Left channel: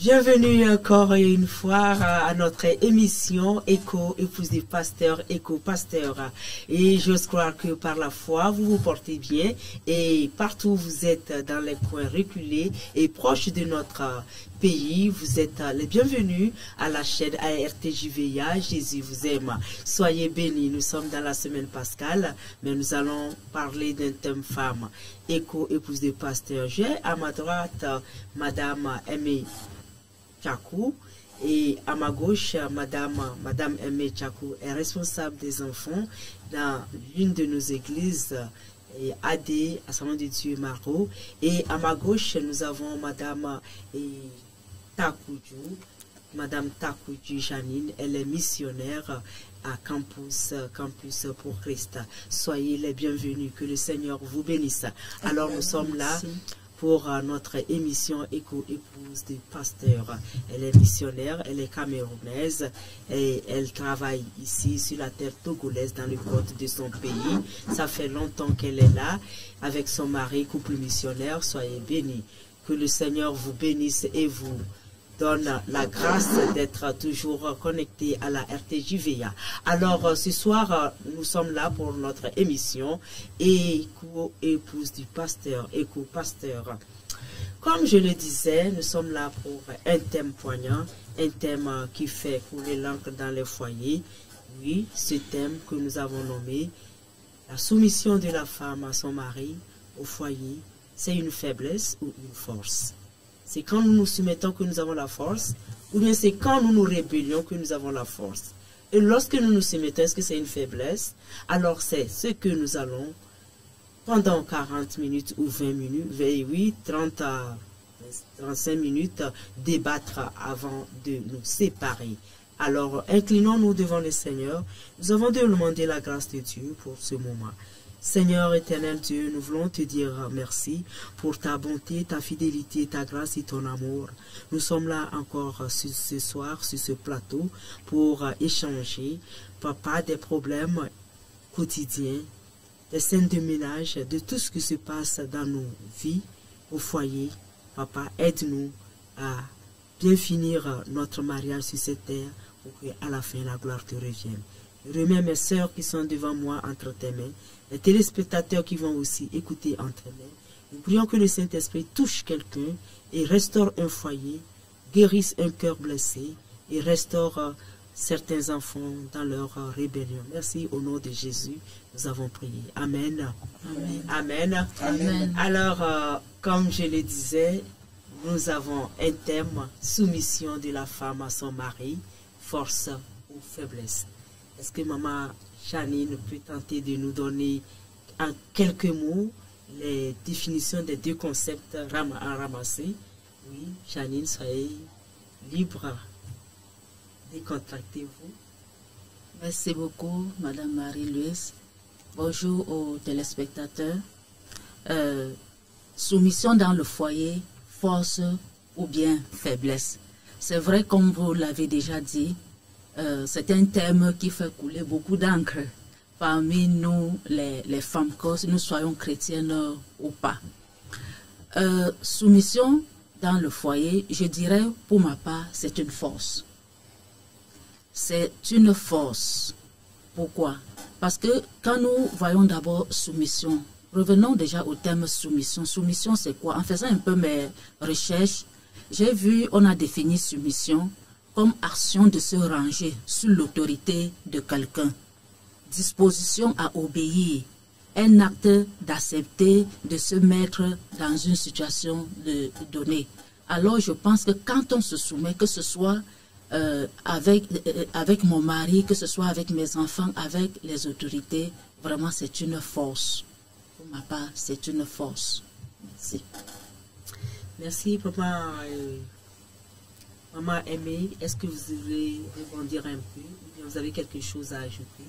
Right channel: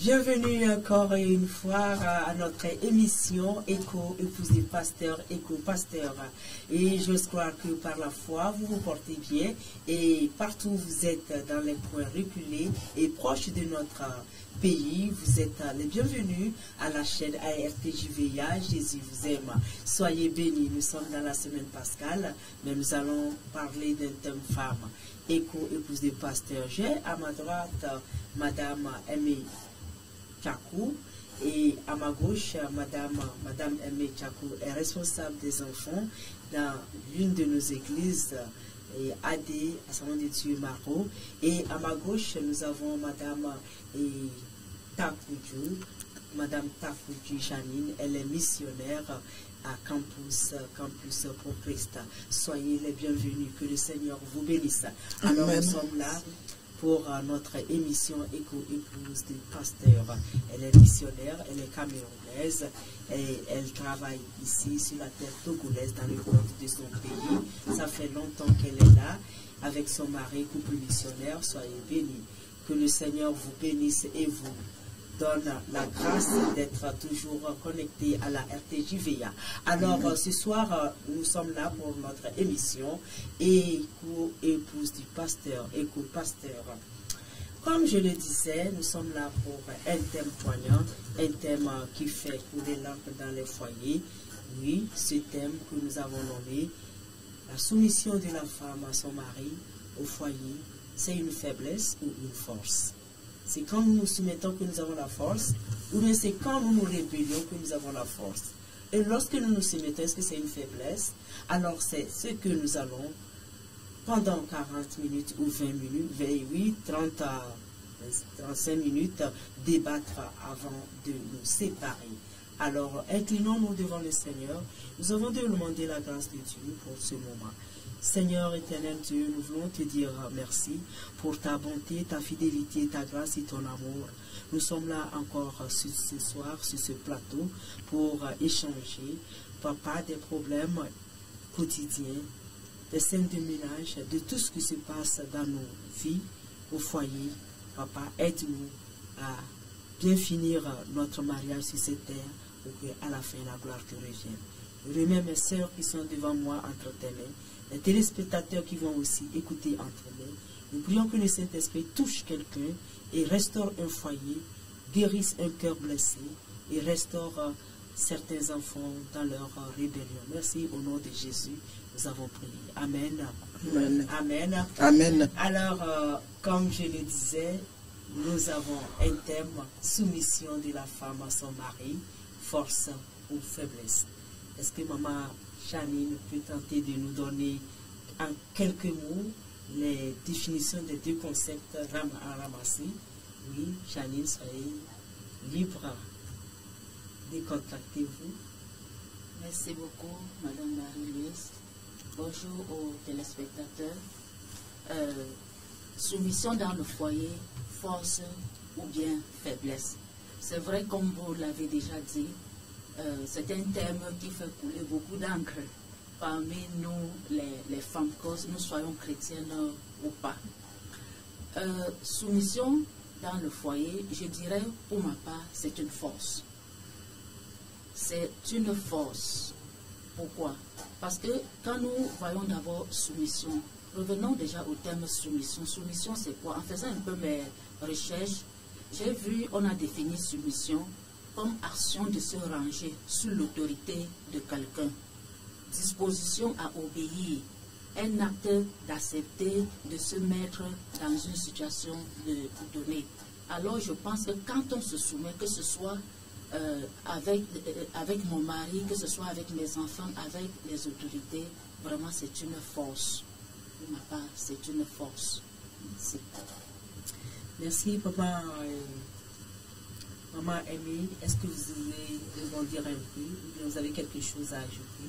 Bienvenue encore une fois à notre émission Écho, épouse des pasteurs, Écho Pasteur. Et j'ose croire que par la foi, vous vous portez bien et partout où vous êtes dans les coins reculés et proches de notre pays, vous êtes les bienvenus à la chaîne ARTJVA. Jésus vous aime. Soyez bénis. Nous sommes dans la semaine pascale, mais nous allons parler d'un thème femme. Écho, épouse des pasteurs. J'ai à ma droite Madame Aimée Tchakou et à ma gauche, Madame Aimée Tchakou est responsable des enfants dans l'une de nos églises, AD, Assemblée de Dieu Maro. Et à ma gauche, nous avons Madame Takoudjou Janine, elle est missionnaire à Campus pour Christ. Soyez les bienvenus, que le Seigneur vous bénisse. Alors Amen. Nous sommes là pour notre émission Écho, épouse des pasteurs. Elle est missionnaire, elle est camerounaise et elle travaille ici sur la terre togolaise dans le côte de son pays. Ça fait longtemps qu'elle est là avec son mari, couple missionnaire. Soyez bénis. Que le Seigneur vous bénisse et vous donne la grâce d'être toujours connecté à la RTJVA. Alors, ce soir, nous sommes là pour notre émission Écho, épouse du pasteur, Écho Pasteur. Comme je le disais, nous sommes là pour un thème poignant, un thème qui fait couler l'encre dans les foyers. Oui, ce thème que nous avons nommé la soumission de la femme à son mari au foyer, c'est une faiblesse ou une force? C'est quand nous nous soumettons que nous avons la force, ou bien c'est quand nous nous rébellions que nous avons la force. Et lorsque nous nous soumettons, est-ce que c'est une faiblesse? Alors c'est ce que nous allons, pendant 40 minutes ou 20 minutes, 28, 30 à 35 minutes, débattre avant de nous séparer. Alors, inclinons-nous devant le Seigneur. Nous avons demandé la grâce de Dieu pour ce moment. Seigneur éternel Dieu, nous voulons te dire merci pour ta bonté, ta fidélité, ta grâce et ton amour. Nous sommes là encore ce soir, sur ce plateau, pour échanger, papa, des problèmes quotidiens, des scènes de ménage, de tout ce qui se passe dans nos vies, au foyer. Papa, aide-nous à bien finir notre mariage sur cette terre, pour qu'à la fin, la gloire te revienne. Je remets mes sœurs qui sont devant moi entre tes mains, les téléspectateurs qui vont aussi écouter entre mains. Nous prions que le Saint-Esprit touche quelqu'un et restaure un foyer, guérisse un cœur blessé et restaure certains enfants dans leur rébellion. Merci au nom de Jésus, nous avons prié. Amen. Amen. Amen. Amen. Alors, comme je le disais, nous avons un thème, soumission de la femme à son mari, force ou faiblesse. Est-ce que maman Janine peut tenter de nous donner en quelques mots les définitions des deux concepts à ramasser? Oui, Janine, soyez libre. Décontractez-vous. Merci beaucoup, Madame Marie-Louise. Bonjour aux téléspectateurs. Soumission dans le foyer, force ou bien faiblesse. C'est vrai, comme vous l'avez déjà dit, c'est un thème qui fait couler beaucoup d'encre parmi nous, les femmes, que nous soyons chrétiennes ou pas. Soumission dans le foyer, je dirais pour ma part, c'est une force. C'est une force. Pourquoi? Parce que quand nous voyons d'abord soumission, revenons déjà au terme soumission. Soumission, c'est quoi? En faisant un peu mes recherches, j'ai vu, on a défini soumission comme action de se ranger sous l'autorité de quelqu'un, disposition à obéir, un acte d'accepter de se mettre dans une situation donnée. Alors je pense que quand on se soumet, que ce soit avec mon mari, que ce soit avec mes enfants, avec les autorités, vraiment c'est une force. Pour ma part, c'est une force. Merci. Merci, papa. Maman Aimée, est-ce que vous voulez rebondir un peu? Vous avez quelque chose à ajouter?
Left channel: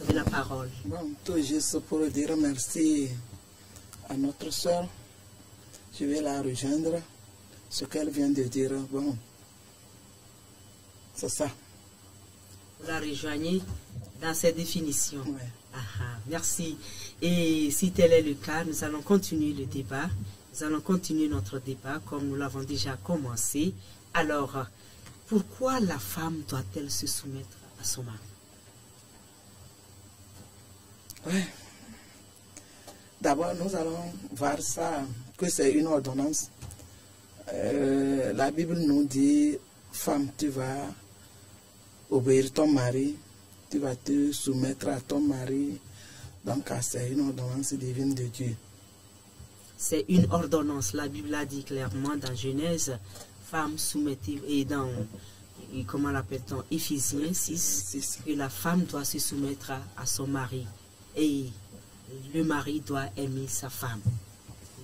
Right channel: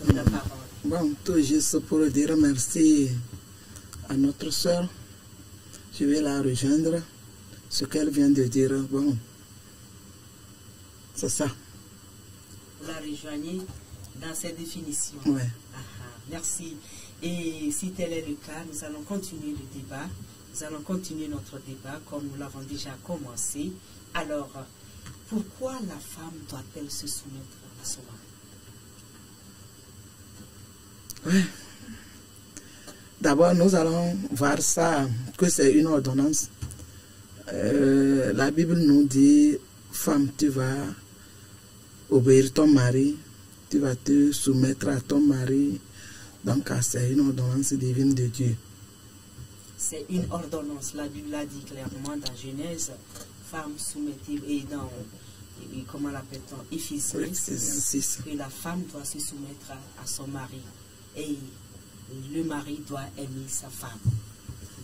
Vous avez la parole. Bon, tout juste pour dire merci à notre soeur. Je vais la rejoindre. Ce qu'elle vient de dire, bon, c'est ça. Vous la rejoignez dans cette définition. Oui. Merci. Et si tel est le cas, nous allons continuer le débat. Nous allons continuer notre débat comme nous l'avons déjà commencé. Alors, pourquoi la femme doit-elle se soumettre à son mari? Oui. D'abord, nous allons voir ça, que c'est une ordonnance. La Bible nous dit, femme, tu vas obéir ton mari, tu vas te soumettre à ton mari. Donc, c'est une ordonnance divine de Dieu. C'est une ordonnance. La Bible a dit clairement dans Genèse, femme soumettez, et dans, comment l'appelle-t-on, Éphésiens 6, que la femme doit se soumettre à son mari. Et le mari doit aimer sa femme.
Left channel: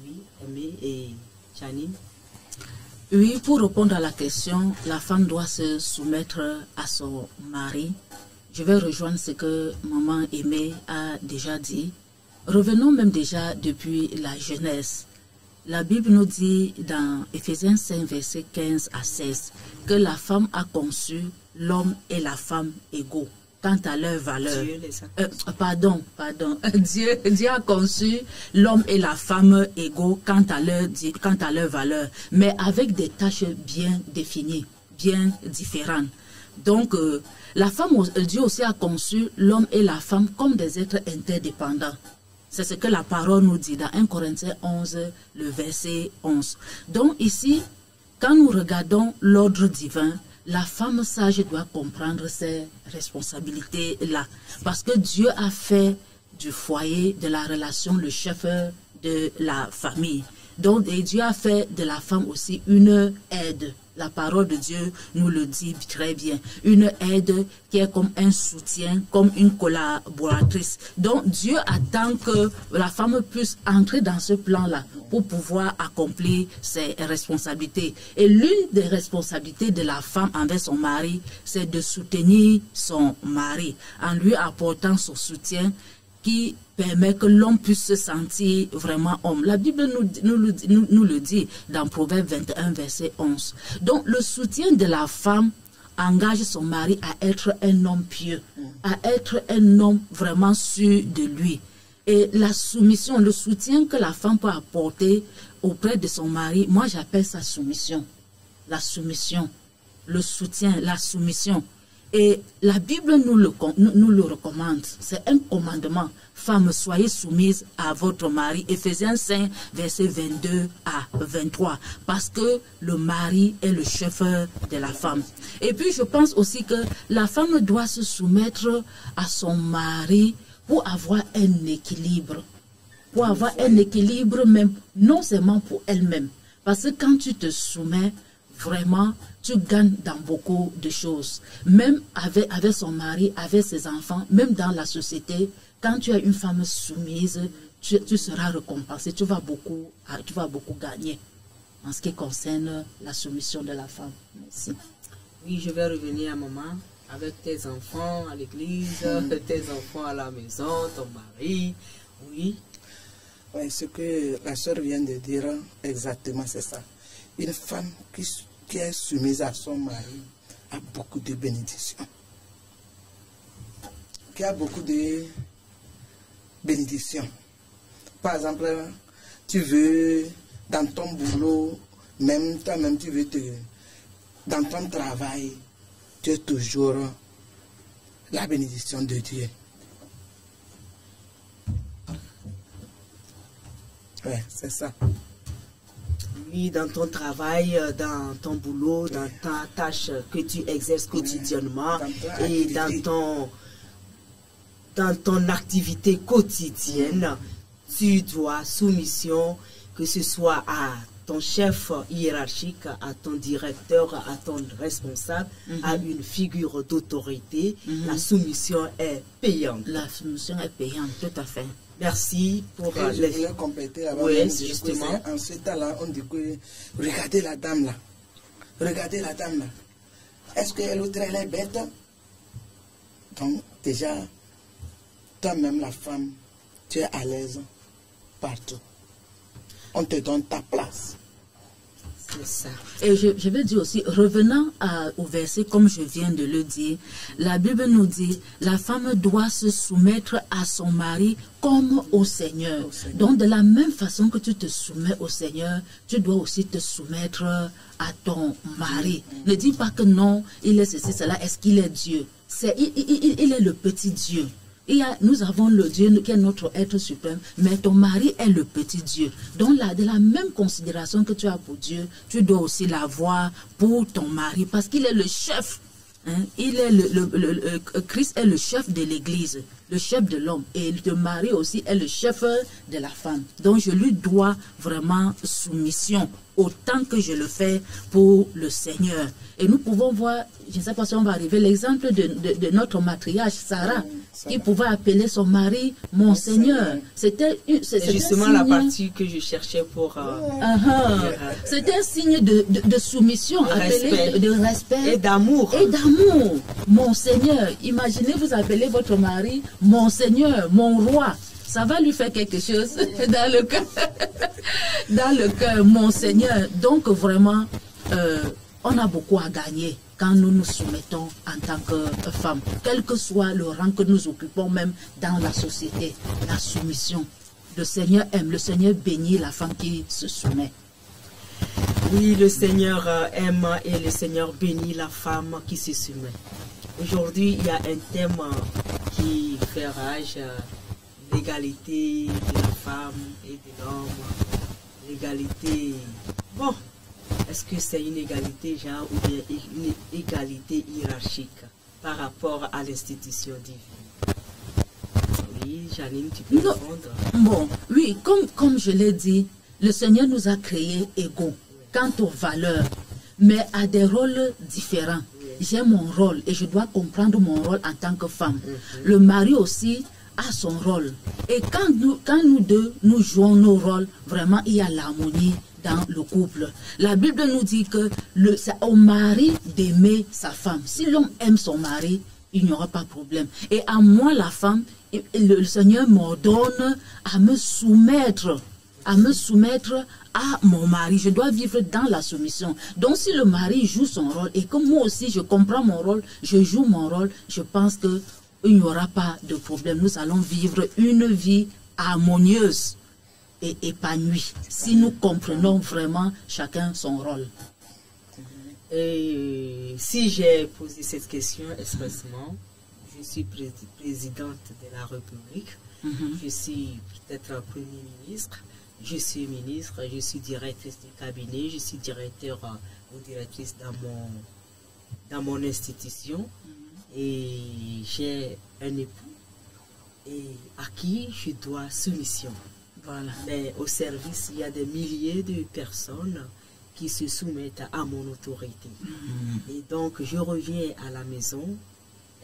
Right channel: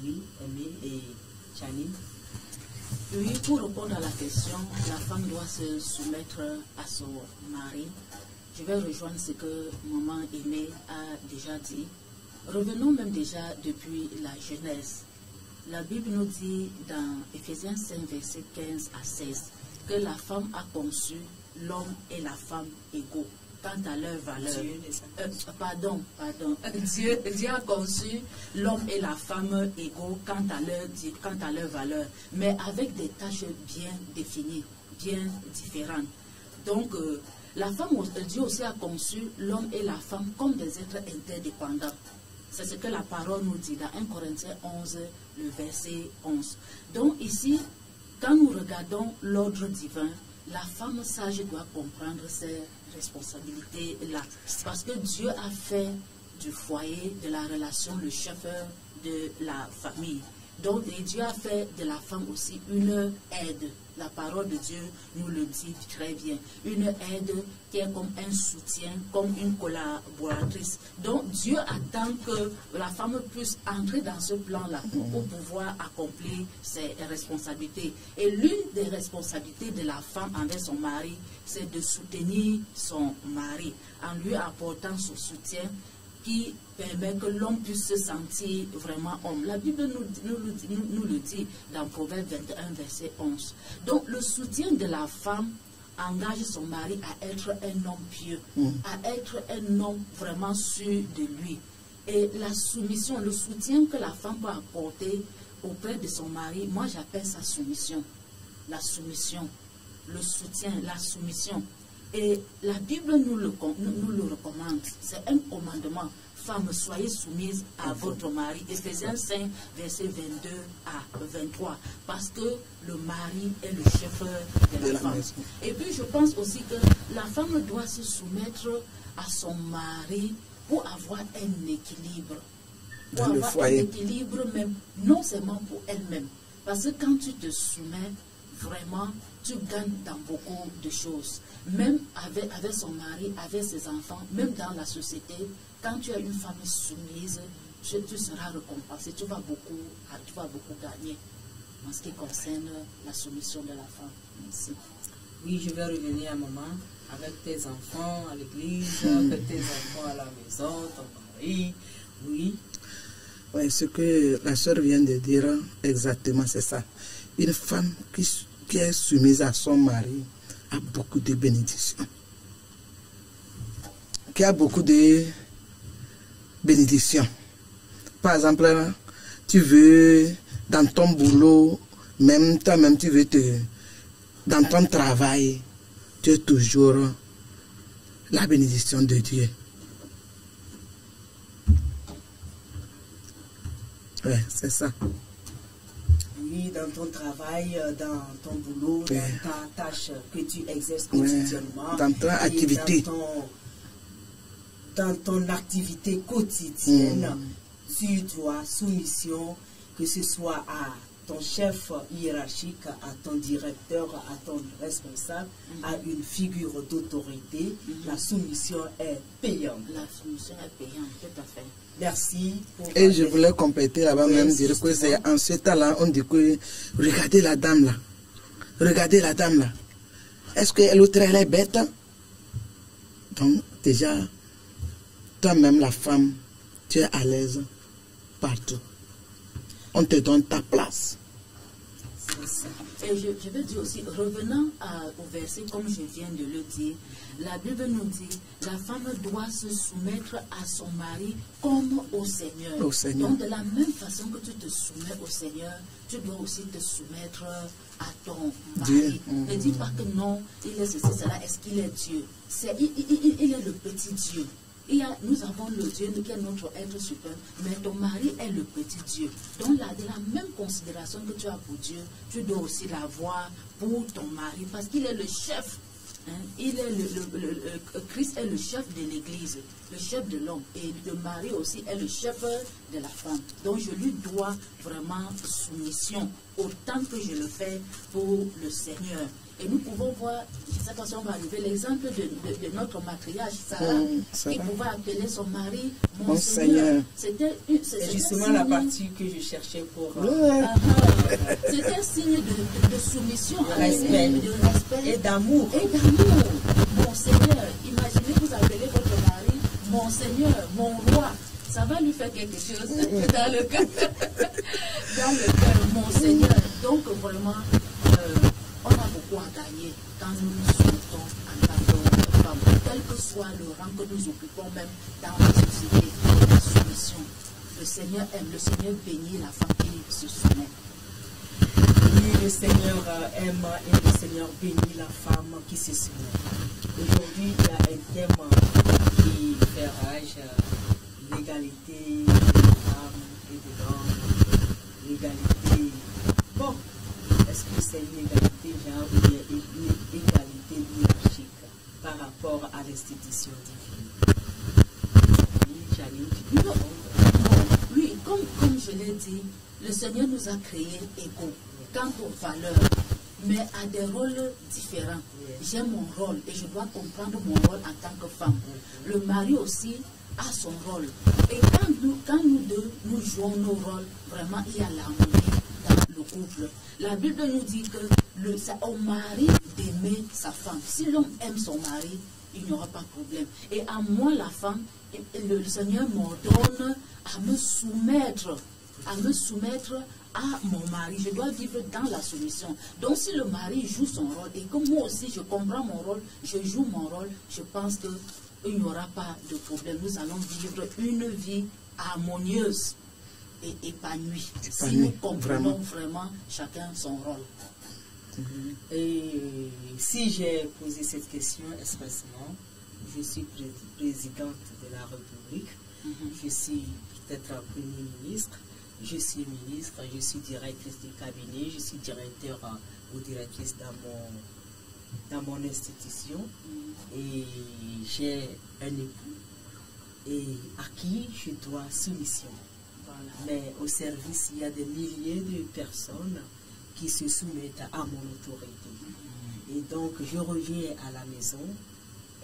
Oui, aimer. Et Janine? Oui, pour répondre à la question, la femme doit se soumettre à son mari. Je vais rejoindre ce que maman Aimée a déjà dit. Revenons même déjà depuis la Genèse. La Bible nous dit dans Éphésiens 5, versets 15 à 16, que la femme a conçu l'homme et la femme égaux quant à leur valeur. Dieu a conçu l'homme et la femme égaux quant à leur valeur, mais avec des tâches bien définies, bien différentes. Donc, la femme, Dieu aussi a conçu l'homme et la femme comme des êtres interdépendants. C'est ce que la parole nous dit dans 1 Corinthiens 11, le verset 11. Donc ici, quand nous regardons l'ordre divin, la femme sage doit comprendre ses responsabilités-là. Parce que Dieu a fait du foyer, de la relation, le chef de la famille. Donc, et Dieu a fait de la femme aussi une aide. La parole de Dieu nous le dit très bien. Une aide qui est comme un soutien, comme une collaboratrice. Donc, Dieu attend que la femme puisse entrer dans ce plan-là pour pouvoir accomplir ses responsabilités. Et l'une des responsabilités de la femme envers son mari, c'est de soutenir son mari en lui apportant son soutien qui permet que l'homme puisse se sentir vraiment homme. La Bible nous le dit dans Proverbe 21, verset 11. Donc, le soutien de la femme engage son mari à être un homme pieux, à être un homme vraiment sûr de lui. Et la soumission, le soutien que la femme peut apporter auprès de son mari, moi j'appelle ça soumission. La soumission, le soutien, la soumission. Et la Bible nous le recommande. C'est un commandement. Femmes, soyez soumises à votre mari. Éphésiens 5, versets 22 à 23. Parce que le mari est le chef de la femme. Et puis, je pense aussi que la femme doit se soumettre à son mari pour avoir un équilibre. Pour avoir un équilibre même, non seulement pour elle-même. Parce que quand tu te soumets, vraiment, tu gagnes dans beaucoup de choses. Même avec son mari, avec ses enfants, même dans la société, quand tu as une femme soumise, tu seras récompensé, tu vas beaucoup gagner en ce qui concerne la soumission de la femme. Merci. Oui, je vais revenir un moment avec tes enfants à l'église, tes enfants à la maison, ton mari. Oui. Oui, ce que la sœur vient de dire, exactement, c'est ça. Une femme qui est soumise à son mari a beaucoup de bénédictions. Qui a beaucoup de bénédictions. Par exemple, tu veux, dans ton boulot, même toi-même, tu veux dans ton travail, tu as toujours la bénédiction de Dieu. Oui, c'est ça. Oui, dans ton travail, dans ton boulot, dans ta tâche que tu exerces quotidiennement, dans ton activité. Dans ton activité quotidienne, tu dois soumission, que ce soit à ton chef hiérarchique, à ton directeur, à ton responsable, à une figure d'autorité. La soumission est payante. La soumission est payante, tout à fait. Merci pour... Et je voulais compléter là-bas, même dire que c'est en ce temps-là, on dit que regardez la dame là. Regardez la dame là. Est-ce que l'autre elle est bête? Donc déjà, toi-même la femme, tu es à l'aise partout. On te donne ta place. Ça. Et je veux dire aussi, revenant au verset comme je viens de le dire, la Bible nous dit, la femme doit se soumettre à son mari comme au Seigneur. Donc de la même façon que tu te soumets au Seigneur, tu dois aussi te soumettre à ton mari. Ne dis pas que non, il est ceci, cela, est-ce qu'il est Dieu? Il est le petit Dieu. Nous avons le Dieu qui est notre être suprême, mais ton mari est le petit Dieu. Donc de la même considération que tu as pour Dieu, tu dois aussi l'avoir pour ton mari, parce qu'il est le chef. Hein? Christ est le chef de l'Église, le chef de l'homme, et le mari aussi est le chef de la femme. Donc je lui dois vraiment soumission, autant que je le fais pour le Seigneur. Et nous pouvons voir, je ne sais pas si on va arriver, l'exemple de notre matriarche, Sarah, qui pouvait appeler son mari mon Seigneur. C'était justement la partie que je cherchais pour... C'était un signe de soumission, de respect et d'amour. Et d'amour, mon Seigneur. Imaginez, vous appelez votre mari mon Seigneur, mon roi. Ça va lui faire quelque chose dans le cœur. Dans le cœur, mon Seigneur. Donc vraiment... on a beaucoup à gagner quand nous nous soumettons en tant que femmes, quel que soit le rang que nous occupons même dans la société. La soumission. Le Seigneur aime, le Seigneur bénit la femme qui se soumet. Oui, le Seigneur aime et le Seigneur bénit la femme qui se soumet. Aujourd'hui, il y a un thème qui fait rage, l'égalité des femmes et de l'homme, l'égalité... Bon, est-ce que c'est une égalité genre ou une égalité hiérarchique par rapport à l'institution divine? Oui, Janine, tu peux répondre. Bon, oui, comme je l'ai dit, le Seigneur nous a créés égaux quant aux valeurs, mais à des rôles différents. J'ai mon rôle et je dois comprendre mon rôle en tant que femme. Le mari aussi a son rôle. Et quand nous deux, nous jouons nos rôles, vraiment, il y a l'harmonie dans le couple. La Bible nous dit que c'est au mari d'aimer sa femme. Si l'homme aime son mari, il n'y aura pas de problème. Et à moi, la femme, le Seigneur m'ordonne à me soumettre à mon mari. Je dois vivre dans la soumission. Donc si le mari joue son rôle et que moi aussi je comprends mon rôle, je joue mon rôle, je pense que il n'y aura pas de problème. Nous allons vivre une vie harmonieuse et épanouie si nous comprenons vraiment chacun son rôle. Et si j'ai posé cette question expressement, je suis présidente de la République, je suis peut-être Premier ministre, je suis ministre, je suis directrice du cabinet, je suis directeur ou directrice dans mon institution. Et j'ai un époux et à qui je dois soumission. Voilà. Mais au service, il y a des milliers de personnes qui se soumettent à mon autorité. Et donc, je reviens à la maison.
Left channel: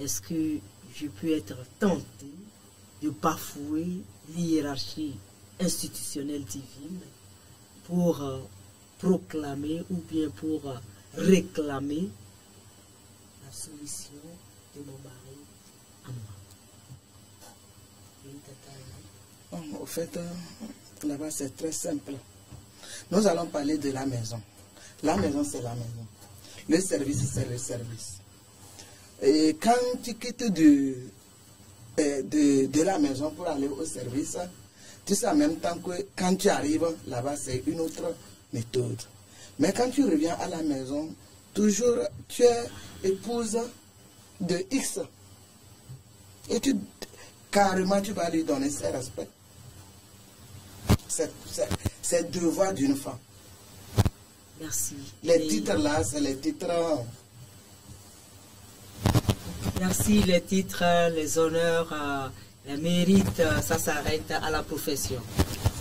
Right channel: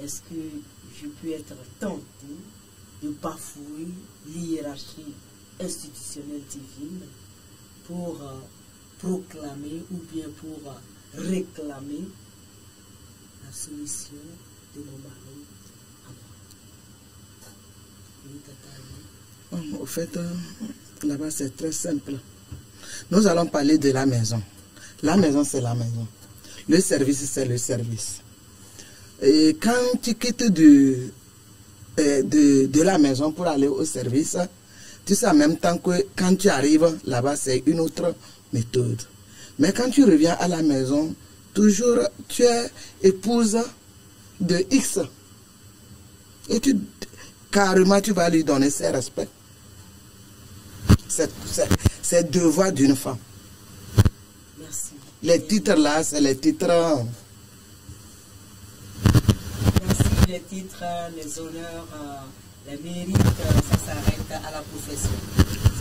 Est-ce que je peux être tentée de bafouer l'hiérarchie institutionnelle divine pour proclamer ou bien pour réclamer la soumission de mon mari à moi? Au fait, là-bas c'est très simple. Nous allons parler de la maison. La maison, c'est la maison. Le service, c'est le service. Et quand tu quittes de la maison pour aller au service, tu sais en même temps que quand tu arrives là-bas, c'est une autre méthode. Mais quand tu reviens à la maison, toujours tu es épouse de X. Et carrément, tu vas lui donner ses respects. C'est le devoir d'une femme. Merci. Les titres là, c'est les titres... Merci, les titres, les honneurs, les mérites, ça s'arrête à la profession.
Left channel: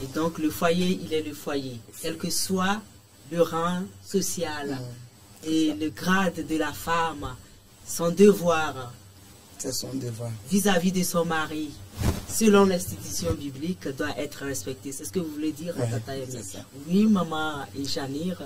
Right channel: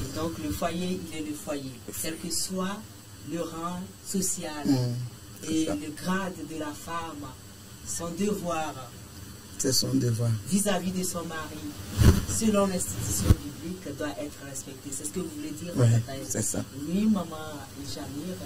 Et donc le foyer, il est le foyer. Quel que soit le rang social et le grade de la femme, son devoir... C'est son devoir. Vis-à-vis de son mari, selon l'institution biblique, doit être respecté. C'est ce que vous voulez dire? Oui, c'est ça. Oui, maman et Janir.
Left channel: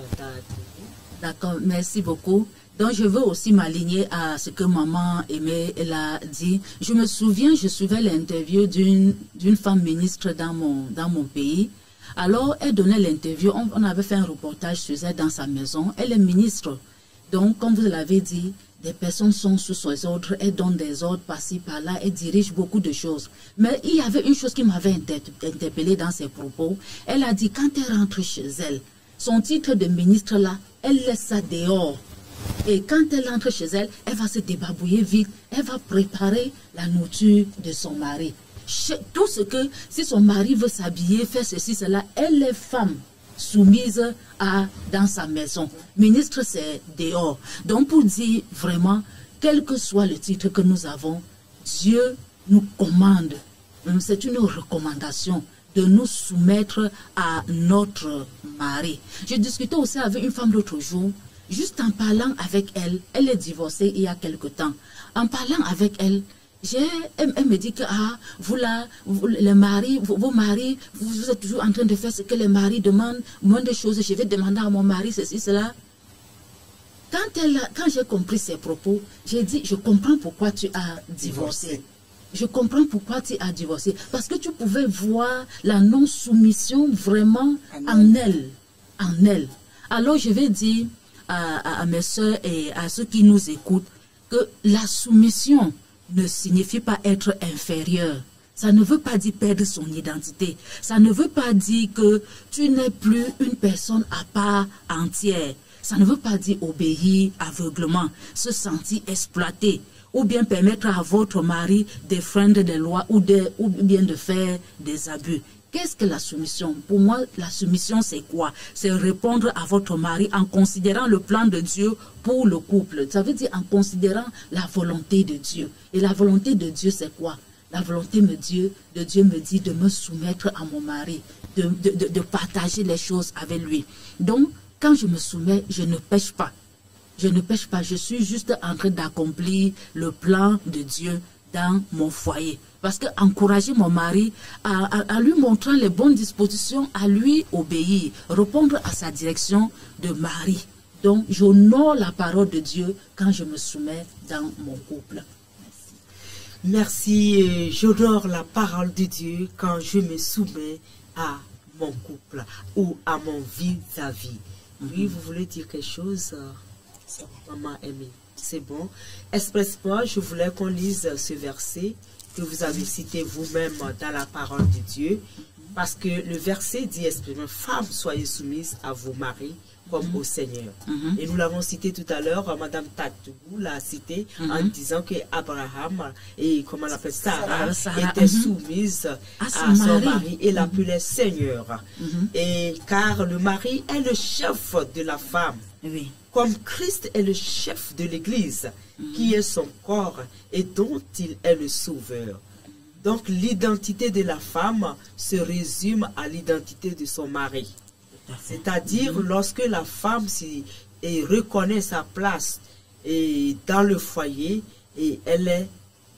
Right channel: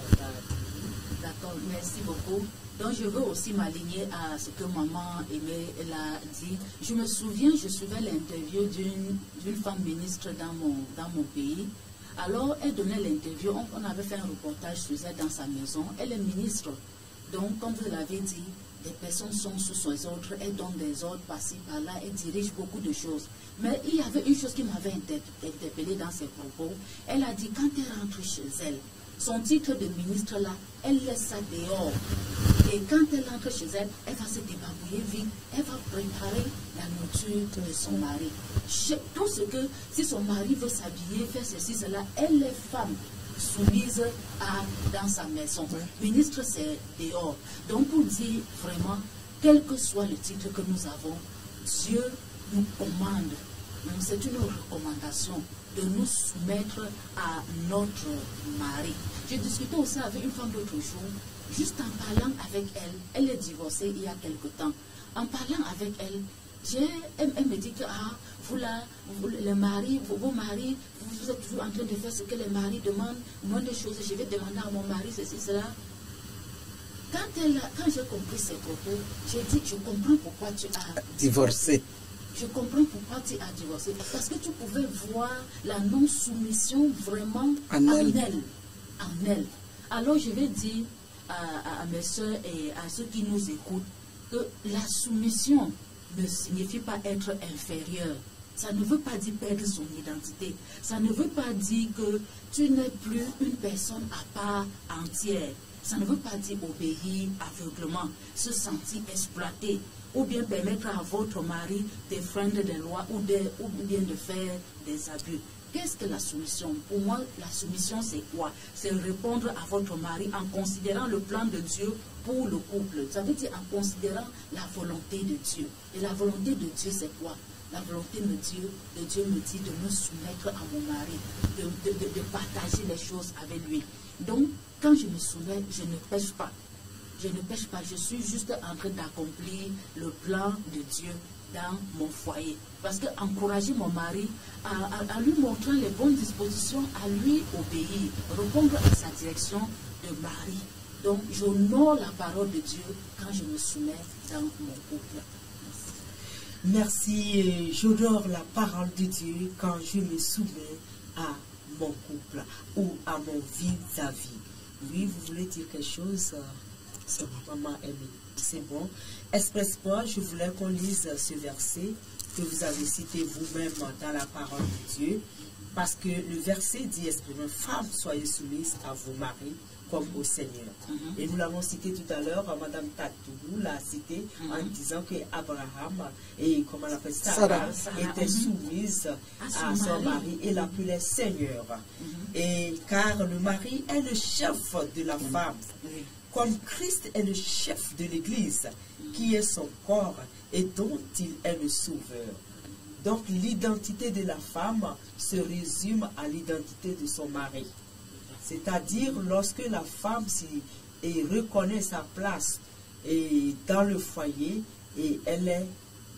D'accord, merci beaucoup. Donc, je veux aussi m'aligner à ce que maman Aimée a dit. Je me souviens, je suivais l'interview d'une femme ministre dans mon pays. Alors, elle donnait l'interview, on avait fait un reportage sur elle dans sa maison. Elle est ministre. Donc, comme vous l'avez dit, des personnes sont sous ses ordres, elle donne des ordres par-ci, par-là, elle dirige beaucoup de choses. Mais il y avait une chose qui m'avait interpellée dans ses propos. Elle a dit, quand elle rentre chez elle, son titre de ministre là, elle laisse ça dehors. Et quand elle entre chez elle, elle va se débarbouiller vite, elle va préparer la nourriture de son mari. Tout ce que, si son mari veut s'habiller, faire ceci, cela, elle est femme soumise dans sa maison. Ministre, c'est dehors. Donc, pour dire vraiment, quel que soit le titre que nous avons, Dieu nous commande, c'est une recommandation de nous soumettre à notre mari. J'ai discuté aussi avec une femme l'autre jour, juste en parlant avec elle, elle est divorcée il y a quelque temps. En parlant avec elle, elle me dit que vos maris, vous êtes toujours en train de faire ce que les maris demandent, moins de choses, je vais demander à mon mari ceci, cela. Quand j'ai compris ses propos, j'ai dit, je comprends pourquoi tu as divorcé. Je comprends pourquoi tu as divorcé. Parce que tu pouvais voir la non-soumission vraiment en elle. Alors je vais dire à mes soeurs et à ceux qui nous écoutent que la soumission ne signifie pas être inférieur. Ça ne veut pas dire perdre son identité. Ça ne veut pas dire que tu n'es plus une personne à part entière. Ça ne veut pas dire obéir aveuglement, se sentir exploité, ou bien permettre à votre mari d'enfreindre des lois ou bien de faire des abus. Qu'est-ce que la soumission? Pour moi, la soumission, c'est quoi? C'est répondre à votre mari en considérant le plan de Dieu pour le couple. Ça veut dire en considérant la volonté de Dieu. Et la volonté de Dieu, c'est quoi? La volonté de Dieu me dit de me soumettre à mon mari, de partager les choses avec lui. Donc, quand je me soumets, je ne pêche pas. Je ne pêche pas, je suis juste en train d'accomplir le plan de Dieu dans mon foyer. Parce que encourager mon mari à lui montrant les bonnes dispositions, à lui obéir, répondre à sa direction de mari. Donc, j'honore la parole de Dieu quand je me soumets dans mon couple. Merci, j'honore la parole de Dieu quand je me soumets à mon couple ou à mon vis-à-vis. Oui, vous voulez dire quelque chose, maman aimée? C'est bon. Expressement, je voulais qu'on lise ce verset que vous avez cité vous-même dans la parole de Dieu, parce que le verset dit expressément, femmes, soyez soumises à vos maris comme au Seigneur. Et nous l'avons cité tout à l'heure, Madame Tatougou l'a cité en disant que Abraham et comment on appelle Sarah étaient soumises à son mari et l'appelaient Seigneur. Et car le mari est le chef de la femme. Comme Christ est le chef de l'Église, qui est son corps et dont il est le sauveur. Donc l'identité de la femme se résume à l'identité de son mari. C'est-à-dire lorsque la femme reconnaît sa place dans le foyer et elle est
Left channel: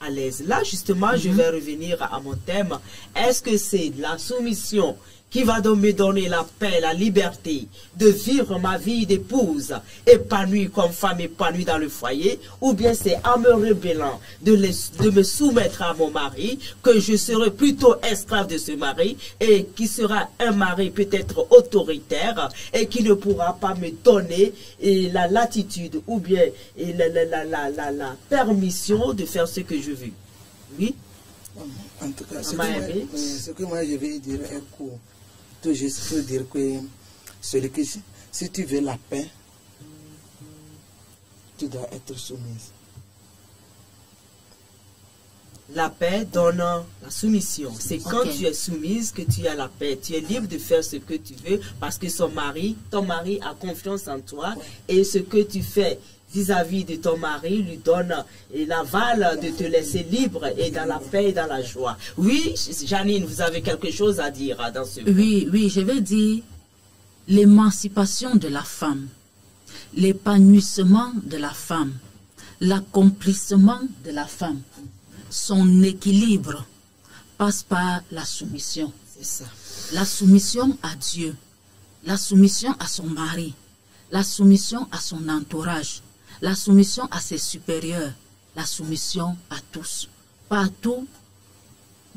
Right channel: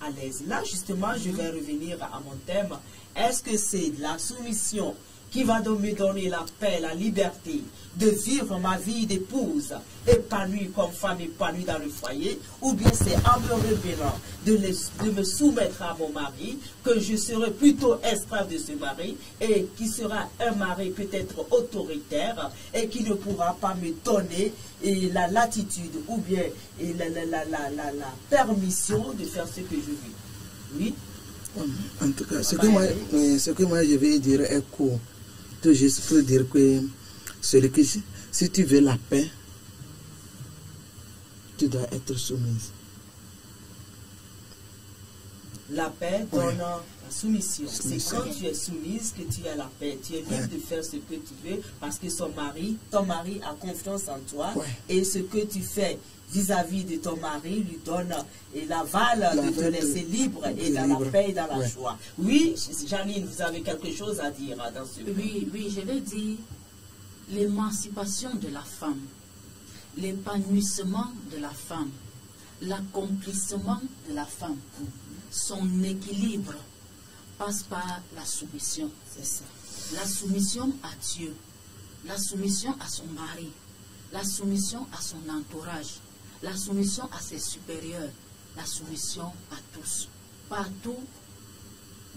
à l'aise. Là justement, je vais revenir à mon thème. Est-ce que c'est la soumission qui va donc me donner la paix, la liberté de vivre ma vie d'épouse épanouie comme femme épanouie dans le foyer, ou bien c'est en me rebellant de me soumettre à mon mari que je serai plutôt esclave de ce mari et qui sera un mari peut-être autoritaire et qui ne pourra pas me donner la latitude ou bien la permission de faire ce que je veux. Oui. En tout cas, ce que moi je vais dire est court. Tout juste pour dire que si tu veux la paix, tu dois être soumise. La paix donne la soumission. C'est quand tu es soumise que tu as la paix. Tu es libre de faire ce que tu veux parce que ton mari a confiance en toi et ce que tu fais vis-à-vis de ton mari lui donne l'aval de te laisser libre et dans la paix et dans la joie. Oui, Janine, vous avez quelque chose à dire dans ce point. Oui, je vais dire l'émancipation de la femme, l'épanouissement de la femme, l'accomplissement de la femme, son équilibre passe par la soumission. C'est ça. La soumission à Dieu, la soumission à son mari, la soumission à son entourage, la soumission à ses supérieurs, la soumission à tous. Partout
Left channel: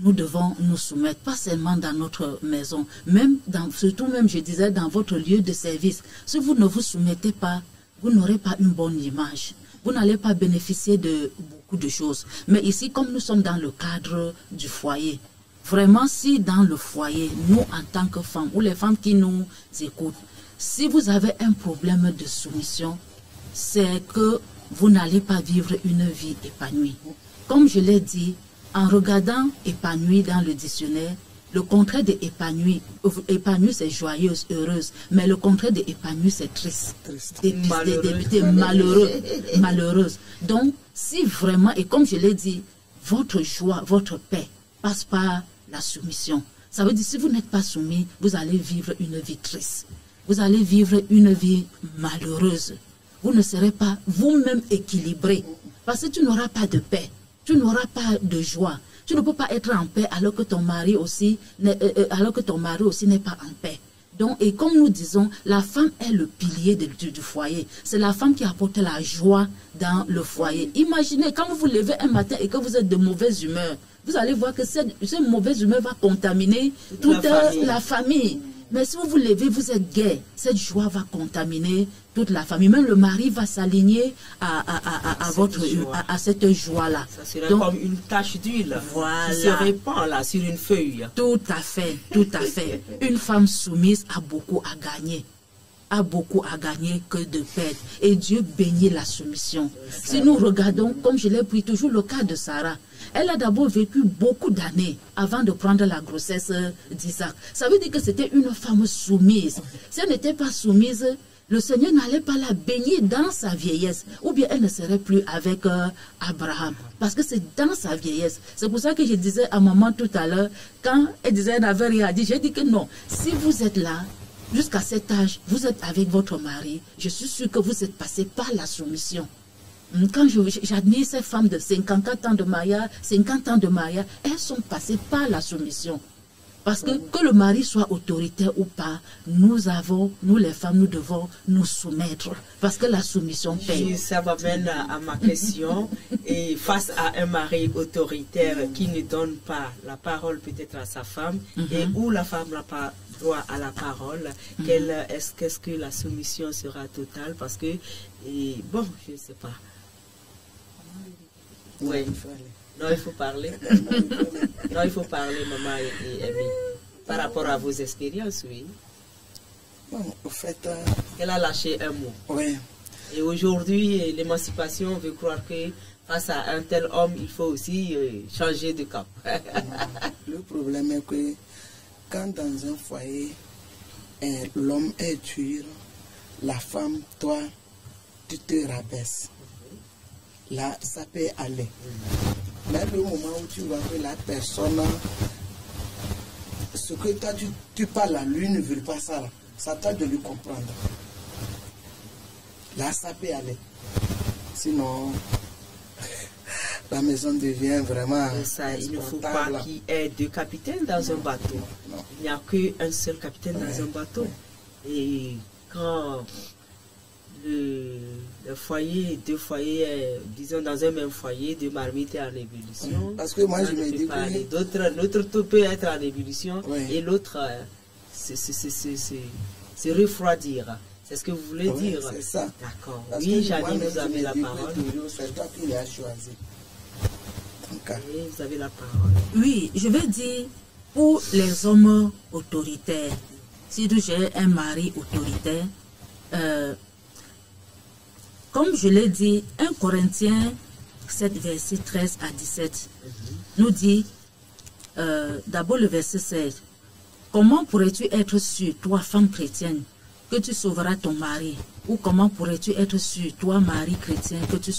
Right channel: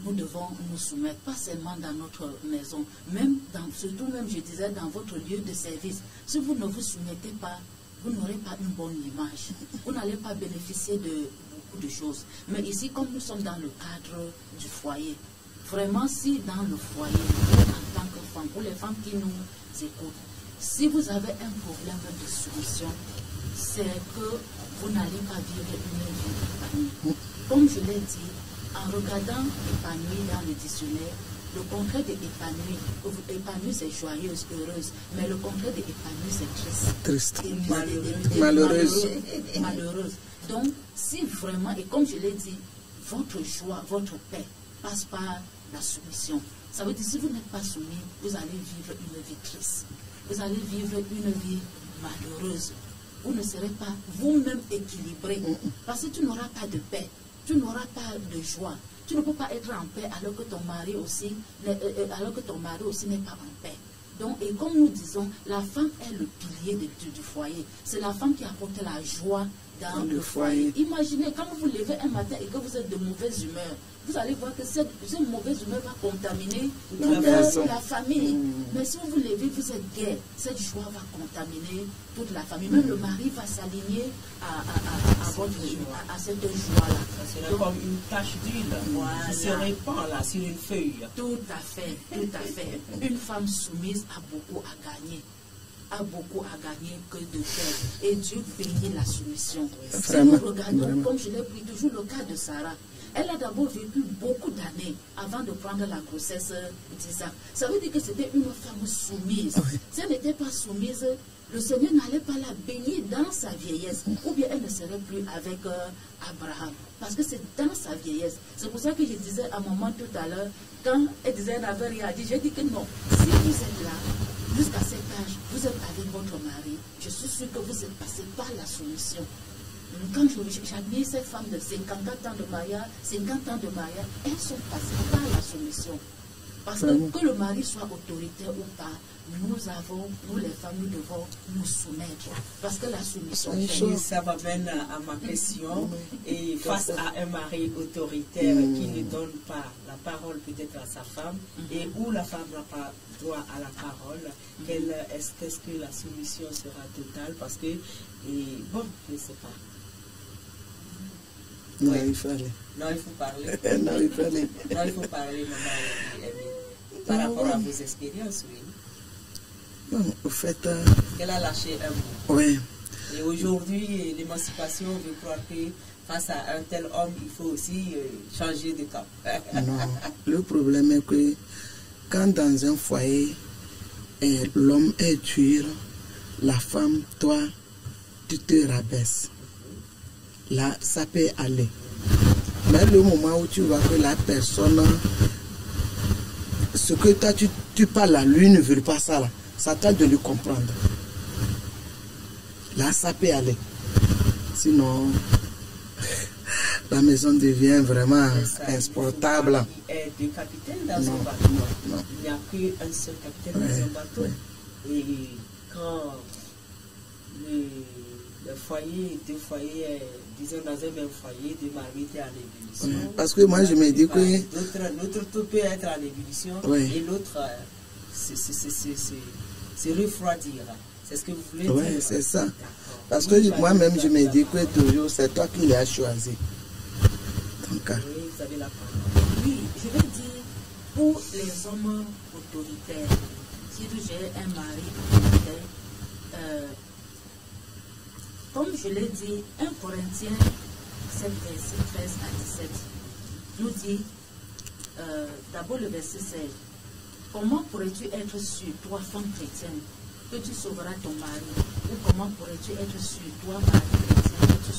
nous devons nous soumettre, pas seulement dans notre maison, même surtout même, je disais, dans votre lieu de service. Si vous ne vous soumettez pas, vous n'aurez pas une bonne image. Vous n'allez pas bénéficier de beaucoup de choses. Mais ici, comme nous sommes dans le cadre du foyer, vraiment, si dans le foyer, nous, en tant que femmes, ou les femmes qui nous écoutent, si vous avez un problème de soumission, c'est que vous n'allez pas vivre une vie épanouie. Comme je l'ai dit, en regardant épanoui dans le dictionnaire, le contraire de épanoui, épanoui c'est joyeuse, heureuse, mais le contraire de épanoui c'est triste, malheureuse. Donc, si vraiment, et comme je l'ai dit, votre joie, votre paix passe par la soumission. Ça veut dire si vous n'êtes pas soumis, vous allez vivre une vie triste. Vous allez vivre une vie malheureuse. Vous ne serez pas vous-même équilibré parce que tu n'auras pas de paix. Tu n'auras pas de joie. Tu ne peux pas être en paix alors que ton mari aussi n'est pas en paix. Donc, et comme nous disons, la femme est le pilier du foyer. C'est la femme qui apporte la joie dans le foyer. Imaginez, quand vous vous levez un matin et que vous êtes de mauvaise humeur, vous allez voir que cette mauvaise humeur va contaminer toute la famille. Mais si vous vous levez, vous êtes gai, cette joie va contaminer toute la famille. Même le mari va s'aligner à cette joie-là. Ça serait comme une tache d'huile qui se répand là, sur une feuille. Tout à fait, tout à fait. Une femme soumise a beaucoup à gagner. A beaucoup à gagner que de faire. Et Dieu bénit la soumission. Si nous regardons, comme je l'ai pris toujours le cas de Sarah, elle a d'abord vécu beaucoup d'années avant de prendre la grossesse d'Isaac. Ça veut dire que c'était une femme soumise. Si elle n'était pas soumise, le Seigneur n'allait pas la bénir dans sa vieillesse. Ou bien elle ne serait plus avec Abraham. Parce que c'est dans sa vieillesse. C'est pour ça que je disais à maman tout à l'heure, quand elle disait qu'elle n'avait rien à dire, j'ai dit que non. Si vous êtes là, jusqu'à cet âge, vous êtes avec votre mari, je suis sûre que vous êtes passé par la soumission. Quand j'admire ces femmes de 54 ans de mariage, elles sont passées par la soumission. Parce que le mari soit autoritaire ou pas, nous les femmes, nous devons nous soumettre. Parce que la soumission paye. Ça m'amène à ma question. Et face à un mari autoritaire qui ne donne pas la parole peut-être à sa femme, et où la femme n'a pas droit à la parole, qu'est-ce que la soumission sera totale? Parce que, bon, je ne sais pas. Non, il faut aller. Non, il faut parler. Non, il faut parler, maman et Amy. Par rapport à vos expériences, oui. Bon, au fait... Elle a lâché un mot. Oui. Et aujourd'hui, l'émancipation veut croire que face à un tel homme, il faut aussi changer de cap. Non, le problème est que quand dans un foyer, l'homme est dur, la femme, toi, tu te rabaisses. Là, ça peut aller. Mais le moment où tu vois que la personne, ce que toi, tu parles à lui, ne veut pas ça, là. Ça t'a de lui comprendre. Là, ça peut aller. Sinon, la maison devient vraiment insportable. Il n'y a pas deux capitaines dans un bateau. Non. Il n'y a qu'un seul capitaine dans un bateau. Et quand le foyer, deux foyers, disons dans un même foyer, deux marmites en ébullition. Parce que moi je me dis que... L'autre tout peut être en ébullition et l'autre se refroidir. C'est ce que vous voulez dire? C'est ça. Parce que moi-même je me dis que toujours c'est toi qui l'as choisi. Donc, oui, vous avez la parole. Oui, je veux dire, pour les hommes autoritaires, si j'ai un mari autoritaire, comme je l'ai dit, 1 Corinthiens 7, verset 13 à 17, nous dit, d'abord le verset 16, comment pourrais-tu être sûr, toi, femme chrétienne, que tu sauveras ton mari? Ou comment pourrais-tu être sûr, toi, mari chrétien, que tu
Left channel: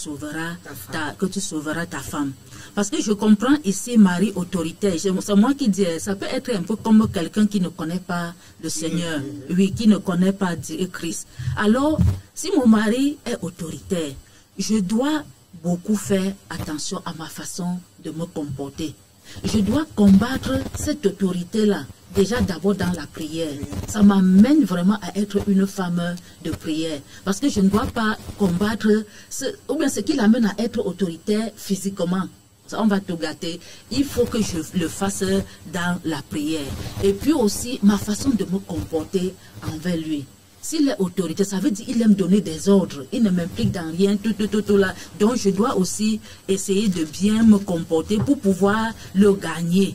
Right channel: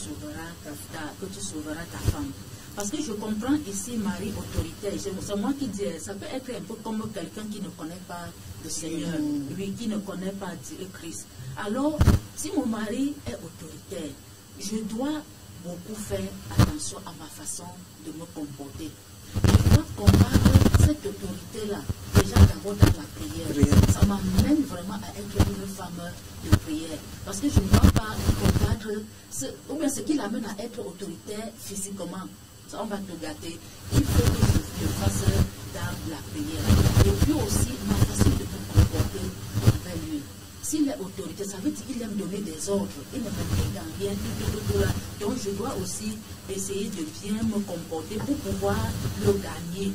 sauveras ta femme? Parce que je comprends ici mari autoritaire. C'est moi qui dis, ça peut être un peu comme quelqu'un qui ne connaît pas le Seigneur, oui, qui ne connaît pas Dieu Christ. Alors, si mon mari est autoritaire, je dois beaucoup faire attention à ma façon de me comporter. Je dois combattre cette autorité-là, déjà d'abord dans la prière. Ça m'amène vraiment à être une femme de prière. Parce que je ne dois pas combattre, ou bien ce qui l'amène à être autoritaire physiquement. on va te gâter. Il faut que je le fasse dans la prière. Et puis aussi, ma façon de me comporter envers lui. S'il est autorité, ça veut dire qu'il aime donner des ordres. Il ne m'implique dans rien, tout là. Donc, je dois aussi essayer de bien me comporter pour pouvoir le gagner.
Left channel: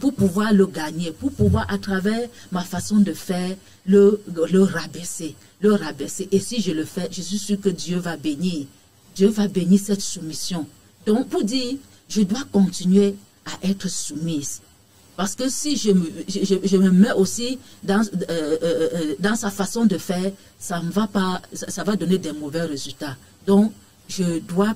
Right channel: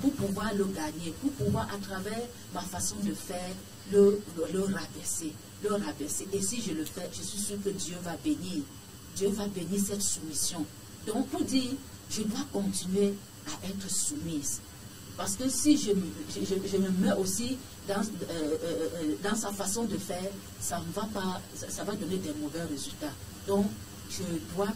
Pour pouvoir le gagner, pour pouvoir, à travers ma façon de faire, le rabaisser. Le rabaisser. Et si je le fais, je suis sûr que Dieu va bénir. Dieu va bénir cette soumission. Donc, pour dire, je dois continuer à être soumise. Parce que si je me mets aussi dans sa façon de faire, ça va donner des mauvais résultats. Donc, je dois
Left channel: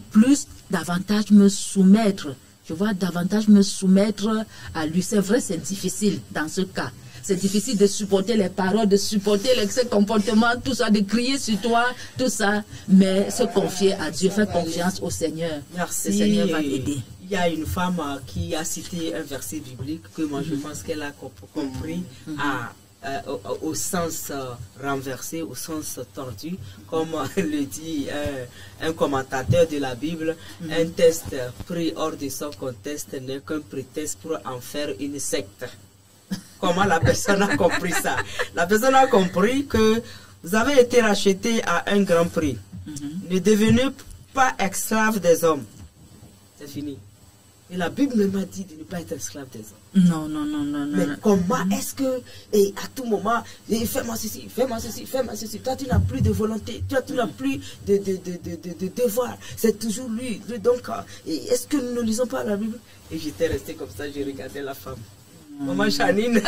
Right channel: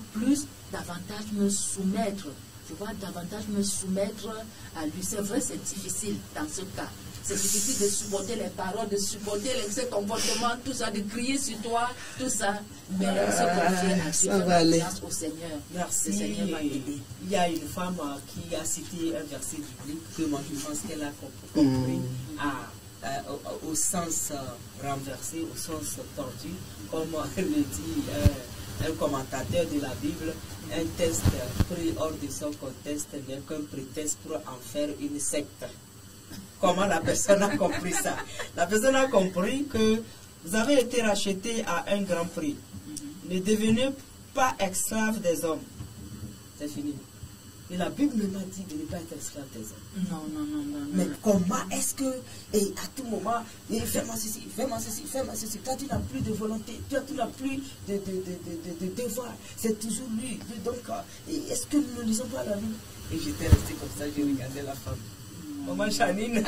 davantage me soumettre. Je dois davantage me soumettre à lui. C'est vrai, c'est difficile dans ce cas. C'est difficile de supporter les paroles, de supporter ses comportements, tout ça, de crier sur toi, tout ça. Mais se confier à Dieu, faire confiance au Seigneur. Merci. Le Seigneur va t'aider. Il y a une femme qui a cité un verset biblique que moi je pense qu'elle a compris au sens renversé, au sens tordu, comme le dit un commentateur de la Bible. Un test pris hors de son contexte n'est qu'un prétexte pour en faire une secte. Comment la personne a compris ça? La personne a compris que vous avez été racheté à un grand prix. Ne devenez pas esclave des hommes. C'est fini. Et la Bible m'a dit de ne pas être esclave des hommes. Non. Mais comment est-ce que, et à tout moment, fais-moi ceci, fais-moi ceci, fais-moi ceci. Toi, tu n'as plus de volonté, toi, tu n'as plus de devoir. C'est toujours lui. Donc, est-ce que nous ne lisons pas la Bible? Et j'étais resté comme ça, j'ai regardé la femme. Maman Janine.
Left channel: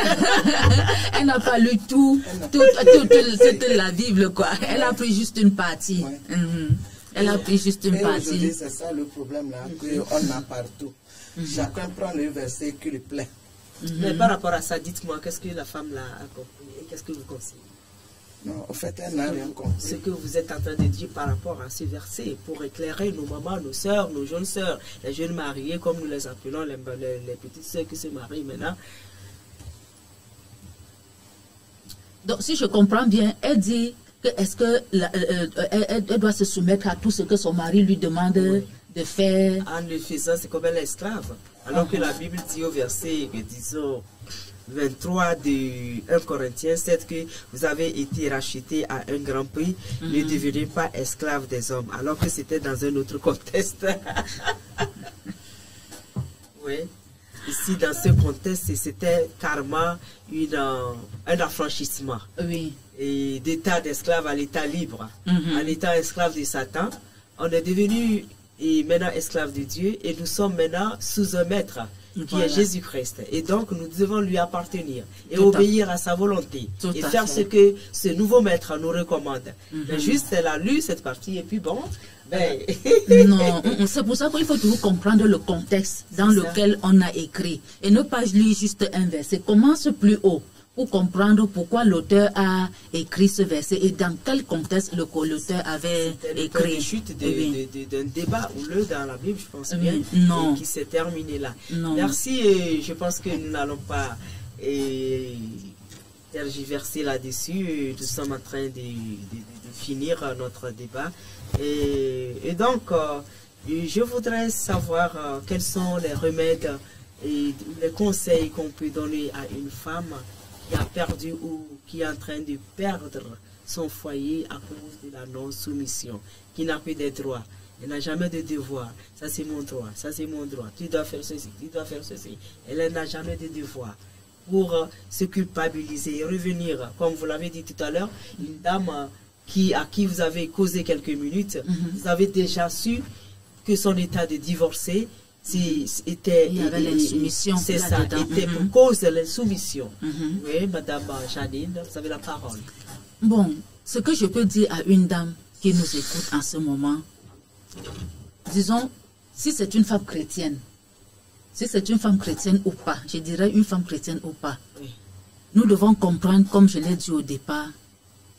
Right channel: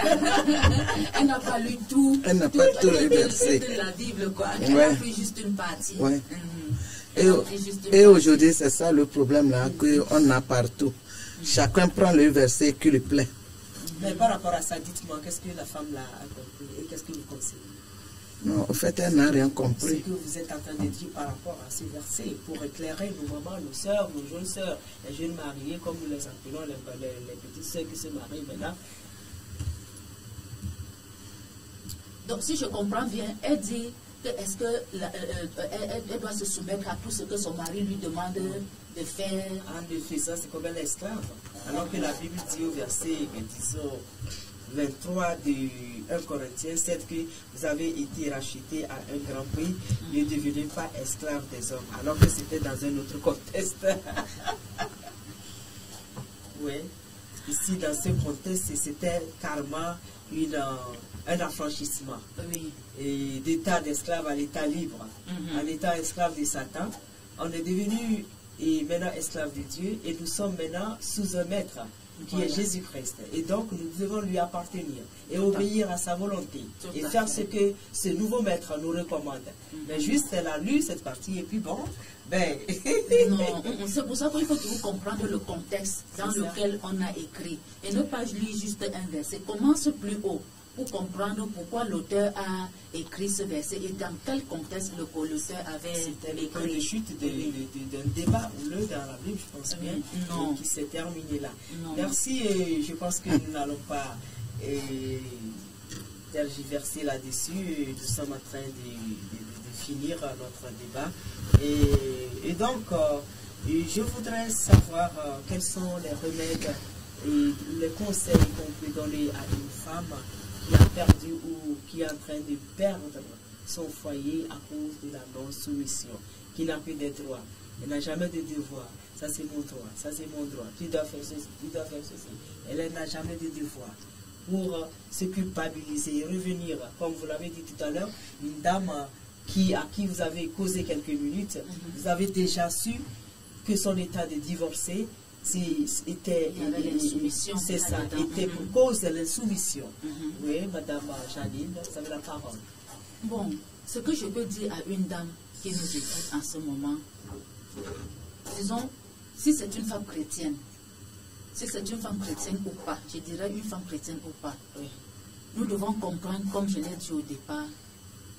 Elle n'a pas lu tout, toute la Bible, quoi. Elle a pris juste une partie. Ouais. Elle a pris juste une partie. Et aujourd'hui, c'est ça le problème là qu'on a partout. Chacun prend le verset qui lui plaît. Mais par rapport à ça, dites-moi, qu'est-ce que la femme là a compris et qu'est-ce que vous conseillez? Non, en fait, elle n'a rien compris. Ce que vous êtes en train de dire par rapport à ce verset, pour éclairer nos mamans, nos soeurs, nos jeunes soeurs, les jeunes mariées, comme nous les appelons, les petites soeurs qui se marient maintenant. Donc, si je comprends bien, elle dit que est-ce que elle doit se soumettre à tout ce que son mari lui demande de faire. En le faisant, c'est comme elle est esclave. Alors que la Bible dit au verset, disons, 23 de 1 Corinthiens 7 que vous avez été racheté à un grand prix, ne devenez pas esclave des hommes, alors que c'était dans un autre contexte. Oui. Ici, dans ce contexte, c'était carrément un affranchissement. Oui. Et d'état d'esclave à l'état libre. À l'état esclave de Satan, on est devenu maintenant esclave de Dieu et nous sommes maintenant sous un maître qui est Jésus-Christ. Et donc, nous devons lui appartenir et obéir à sa volonté et faire ce que ce nouveau maître nous recommande. Mais juste, elle a lu cette partie et puis bon, ben... Non, c'est pour ça qu'il faut toujours comprendre le contexte dans lequel on a écrit et ne pas lire juste un verset. Commence plus haut pour comprendre pourquoi l'auteur a écrit ce verset et dans quel contexte l'auteur avait écrit. Chute d'un débat houleux dans la Bible, je pense bien, non. qui s'est terminé là. Non. Merci, et je pense que nous n'allons pas tergiverser là-dessus. Nous sommes en train de finir notre débat. Et donc, je voudrais savoir quels sont les remèdes et les conseils qu'on peut donner à une femme qui a perdu ou qui est en train de perdre son foyer à cause de la non-soumission, qui n'a plus de droits, elle n'a jamais de devoir. Ça c'est mon droit, ça c'est mon droit, tu dois faire ceci, tu dois faire ceci. Elle n'a jamais de devoir. Pour se culpabiliser et revenir, comme vous l'avez dit tout à l'heure, une dame à qui vous avez causé quelques minutes, vous avez déjà su que son état de divorcer était, il y avait l'insoumission. C'est ça, était pour cause de l'insoumission. Oui, Madame Janine, vous avez la parole. Bon, ce que je peux dire à une dame qui nous écoute en ce moment, disons, si c'est une femme chrétienne, ou pas, je dirais une femme chrétienne ou pas, nous devons comprendre, comme je l'ai dit au départ,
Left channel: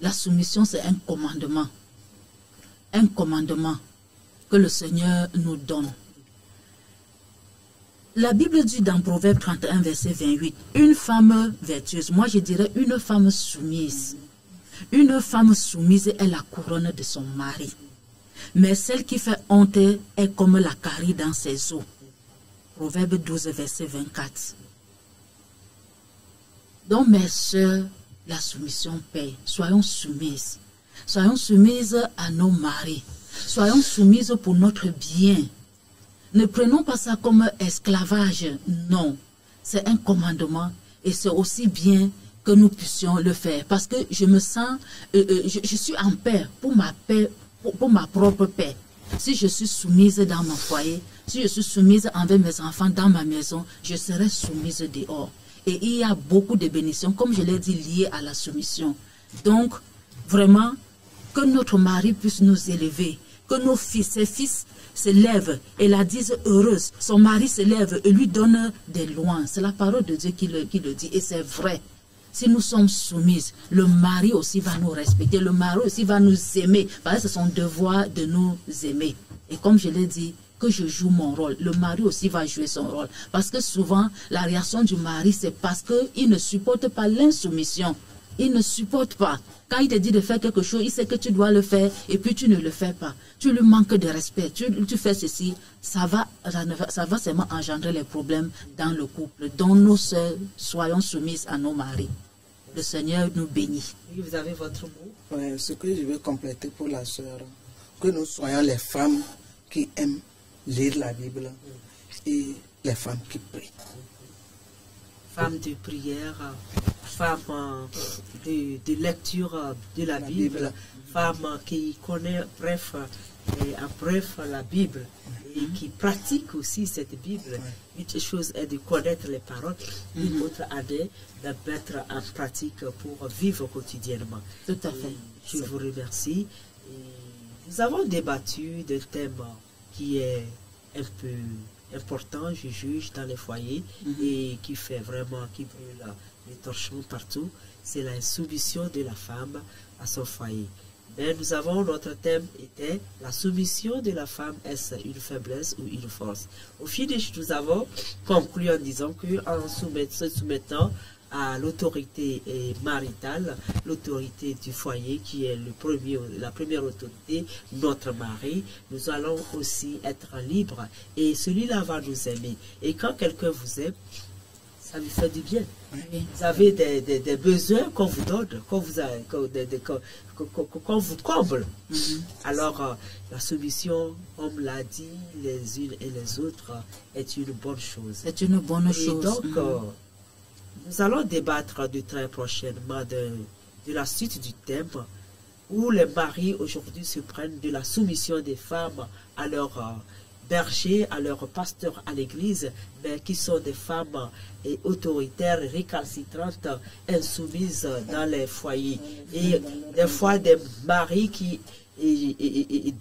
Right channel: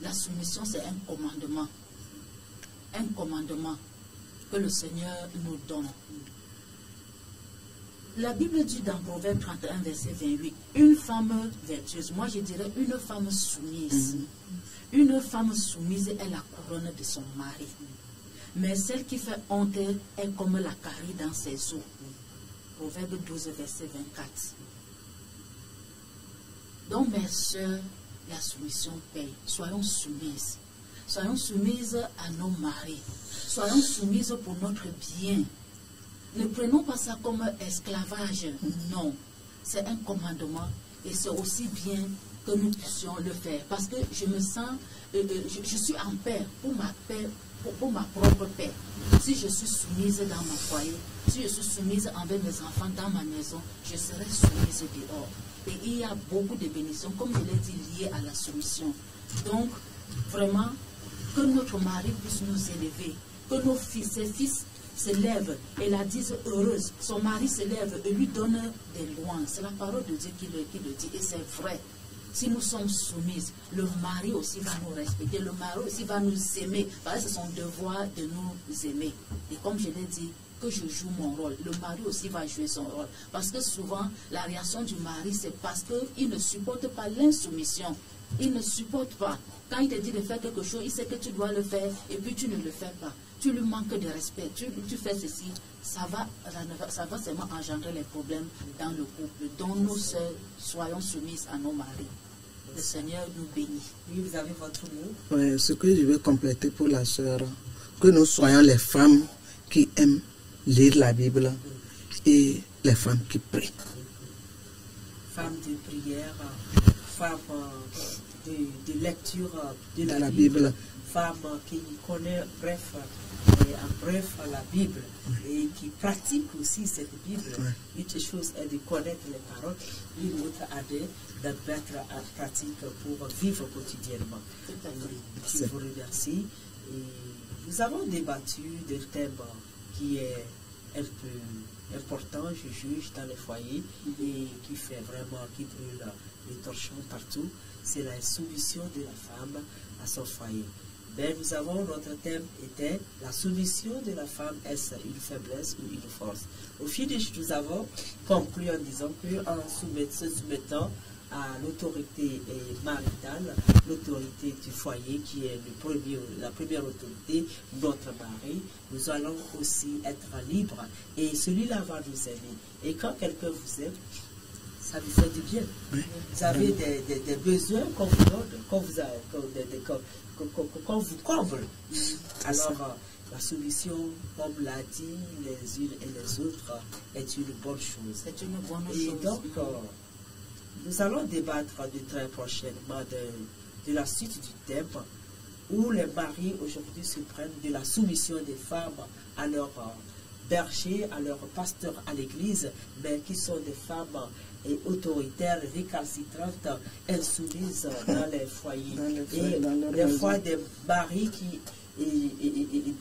la soumission c'est un commandement que le Seigneur nous donne. La Bible dit dans Proverbe 31, verset 28, une femme vertueuse, moi je dirais une femme soumise. Une femme soumise est la couronne de son mari. Mais celle qui fait honte est comme la carie dans ses os. Proverbe 12, verset 24. Donc, mes sœurs, la soumission paye. Soyons soumises. Soyons soumises à nos maris. Soyons soumises pour notre bien. Ne prenons pas ça comme esclavage. Non. C'est un commandement et c'est aussi bien que nous puissions le faire. Parce que je me sens, je suis en paix, pour ma propre paix. Si je suis soumise dans mon foyer, si je suis soumise envers mes enfants dans ma maison, je serai soumise dehors. Et il y a beaucoup de bénédictions, comme je l'ai dit, liées à la soumission. Donc, vraiment, que notre mari puisse nous élever, que nos fils, ses fils se lèvent et la disent heureuse. Son mari se lève et lui donne des lois. C'est la parole de Dieu qui le dit. Et c'est vrai. Si nous sommes soumises, le mari aussi va nous respecter. Le mari aussi va nous aimer. Parce que c'est son devoir de nous aimer. Et comme je l'ai dit, que je joue mon rôle. Le mari aussi va jouer son rôle. Parce que souvent, la réaction du mari, c'est parce qu'il ne supporte pas l'insoumission. Il ne supporte pas. Quand il te dit de faire quelque chose, il sait que tu dois le faire et puis tu ne le fais pas. Tu lui manques de respect. Tu fais ceci, ça va seulement engendrer les problèmes dans le couple. Donc nous seuls, soyons soumises à nos maris. Le Seigneur nous bénit. Oui, vous avez votre mot. Oui, ce que je veux compléter pour la sœur, que nous soyons les femmes qui aiment lire la Bible et les femmes qui prient. Femmes de prière, femmes de lecture de la Bible, femmes qui connaissent la Bible et qui pratiquent aussi cette Bible. Une chose est de connaître les paroles, une autre est de mettre en pratique pour vivre quotidiennement. Tout à fait. Je vous remercie. Et nous avons débattu d'un thème qui est un peu important, je juge, dans les foyers et qui fait vraiment, qui brûle les torchons partout. C'est la soumission de la femme à son foyer. Mais nous avons, notre thème était la soumission de la femme, est-ce une faiblesse ou une force? Au finish, nous avons conclu en disant qu'en se soumettant à l'autorité maritale, l'autorité du foyer qui est la première autorité, notre mari, nous allons aussi être libres et celui-là va nous aimer. Et quand quelqu'un vous aime, ça vous fait du bien. Vous avez des besoins qu'on vous donne, qu'on vous comble. Alors, la soumission, comme l'a dit les unes et les autres, est une bonne chose. C'est une bonne chose. Donc, nous allons débattre de très prochainement de la suite du thème où les maris aujourd'hui se prennent de la soumission des femmes à leur berger, à leur pasteur à l'église, mais qui sont des femmes autoritaires, récalcitrantes, insoumises dans les foyers. Et des fois des maris qui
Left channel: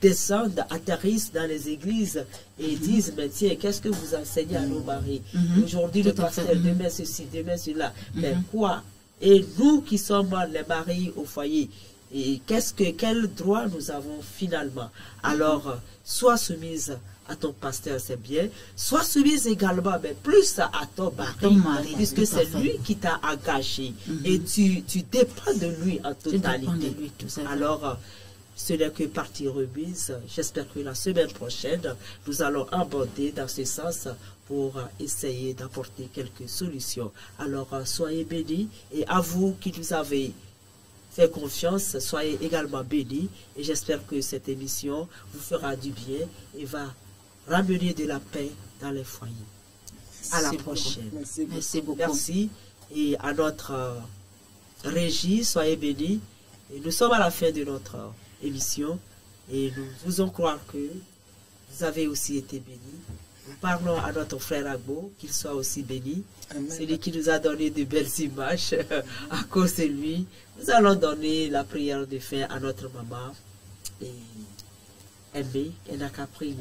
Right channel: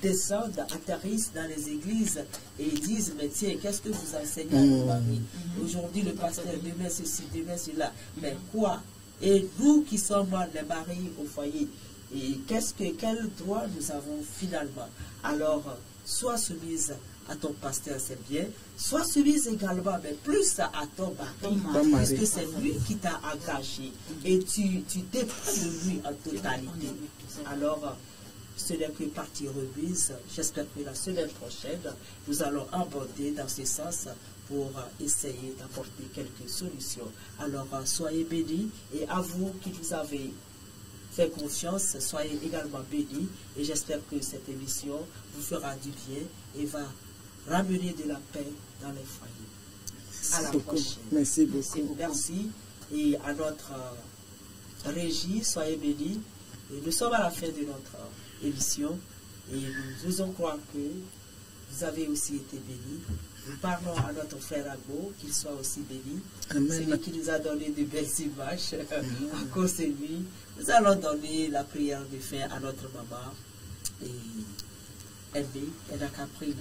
descendent, atterrissent dans les églises et disent, mais tiens, qu'est-ce que vous enseignez à nos maris? Aujourd'hui le pasteur, demain ceci, demain cela. Mais quoi? Et nous qui sommes les maris au foyer, et quel droit nous avons finalement? Alors, sois soumise à ton pasteur, c'est bien. Sois soumise également, mais plus à ton mari, puisque c'est lui qui t'a engagé. Et tu dépends de lui en totalité. Alors, ce n'est que partie remise. J'espère que la semaine prochaine, nous allons aborder dans ce sens pour essayer d'apporter quelques solutions. Alors, soyez bénis et à vous qui nous avez fait confiance, soyez également bénis et j'espère que cette émission vous fera du bien et va ramener de la paix dans les foyers. À la prochaine. Merci beaucoup. Merci. Et à notre régie, soyez bénis. Et nous sommes à la fin de notre émission et nous faisons croire que vous avez aussi été bénis. Nous parlons à notre frère Agbo, qu'il soit aussi béni. Celui qui nous a donné de belles images à cause de lui. Nous allons donner la prière de fin à notre maman. Et aimer, elle n'a qu'à prier,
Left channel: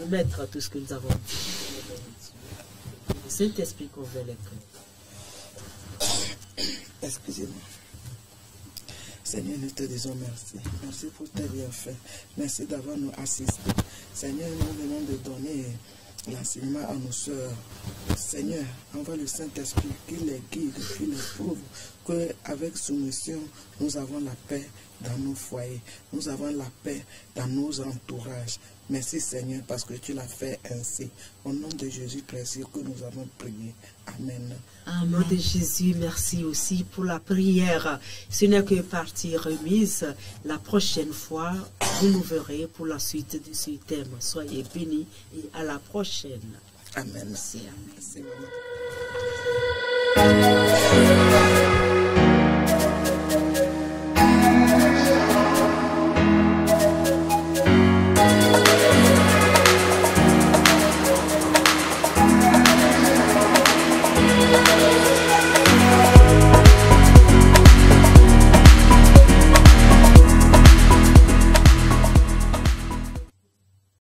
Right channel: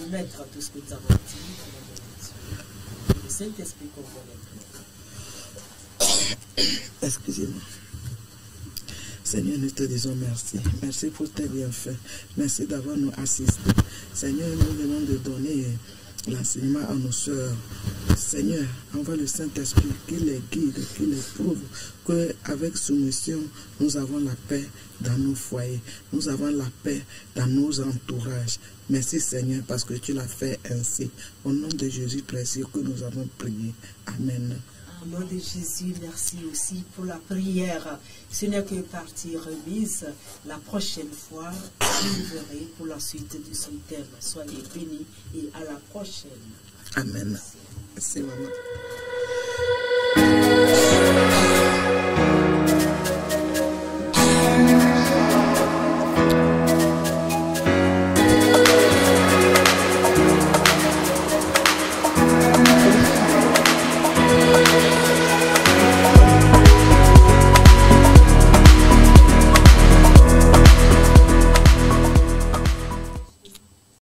nous mettre tout ce que nous avons dit. Le Saint-Esprit convainc les cœurs. Excusez-moi. Seigneur, nous te disons merci. Merci pour tes bienfaits. Merci d'avoir nous assisté. Seigneur, nous venons de donner l'enseignement à nos soeurs. Seigneur, envoie le Saint-Esprit qui les guide, qui les prouve qu'avec soumission, nous avons la paix dans nos foyers, nous avons la paix dans nos entourages. Merci Seigneur parce que tu l'as fait ainsi. Au nom de Jésus précieux que nous avons prié. Amen. Au nom de Jésus, merci aussi pour la prière. Ce n'est que partie remise. La prochaine fois, je vous verrai pour la suite de ce thème. Soyez bénis et à la prochaine. Amen. Merci maman.